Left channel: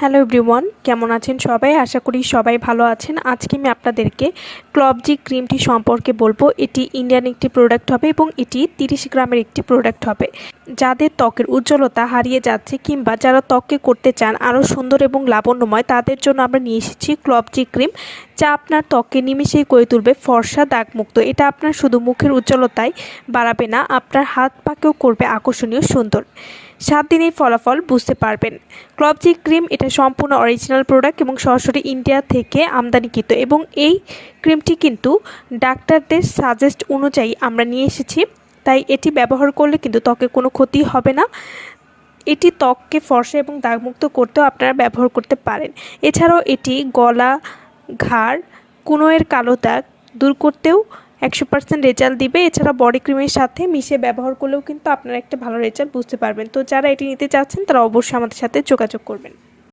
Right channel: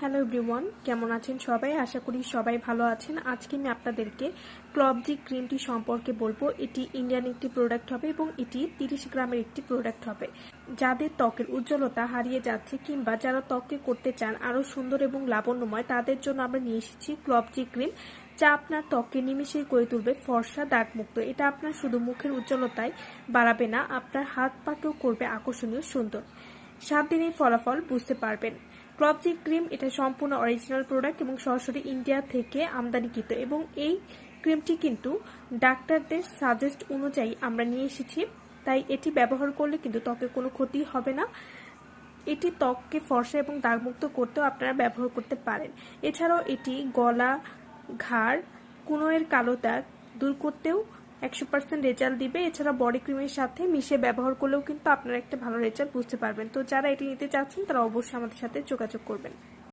Hello everyone, কেমন আছেন সবাই? আশা করি সবাই ভালো আছেন। আজকে আমি আপনাদেরকে ক্লবজি ক্রিমটি সম্পর্কে বলবো। এটি ইন্ডিয়ান একটি প্রোডাক্ট হবে এবং এটি 30 গ্রামের একটি প্রোডাক্ট হবে। যাদের ত্বকের উজ্জ্বলতা হারিয়ে যাচ্ছে কিংবা যারা ত্বককে করতে চান আরও সুন্দর এবং লাবণ্যময়, তাদের জন্য আমরা নিয়ে এসেছি ক্লবজি ক্রিম, যা আপনার ত্বককে নিমেষেই করে তুলবে ফর্সা দাগমুক্ত। এটা আপনার শুধু মুখের উজ্জ্বলতাই বাড়াবে না, আপনার হাত পাকেও করবে আকর্ষণীয় সুন্দর। 7 দিনেই ফলাফল বুঝতে পারবেন। ক্লবজি ক্রিম এটা সম্পূর্ণ অরিজিনাল প্রোডাক্ট এবং সরাসরি ইন্ডিয়া থেকে আমদানিকৃত, এবং এই ক্রিমটি কিন্তু ডাক্তারদের সাজেস্ট অনুযায়ী আমরা নিয়ে এসেছি। তাই এটি ব্যবহার করলে কিন্তু ত্বকে কোনো ক্ষতি হবে না। এটি ত্বককে ফর্সা এবং দাগমুক্ত করতেও আপনারা ব্যবহার করতে পারেন। এছাড়াও এটি গলা, ঘাড়, কনুইয়ের কালো দাগ দূর করতেও 100% রেজাল্ট দিবে। এছাড়া বডি ক্রিমের সাথে মিশে ব্যবহার করলেও কিন্তু আপনারা একটা ভালো রেজাল্ট বুঝতে পারবেন। তো যারা এটি নিতে চাচ্ছেন তারা অবশ্যই আমাদের সাথে যোগাযোগ করবেন।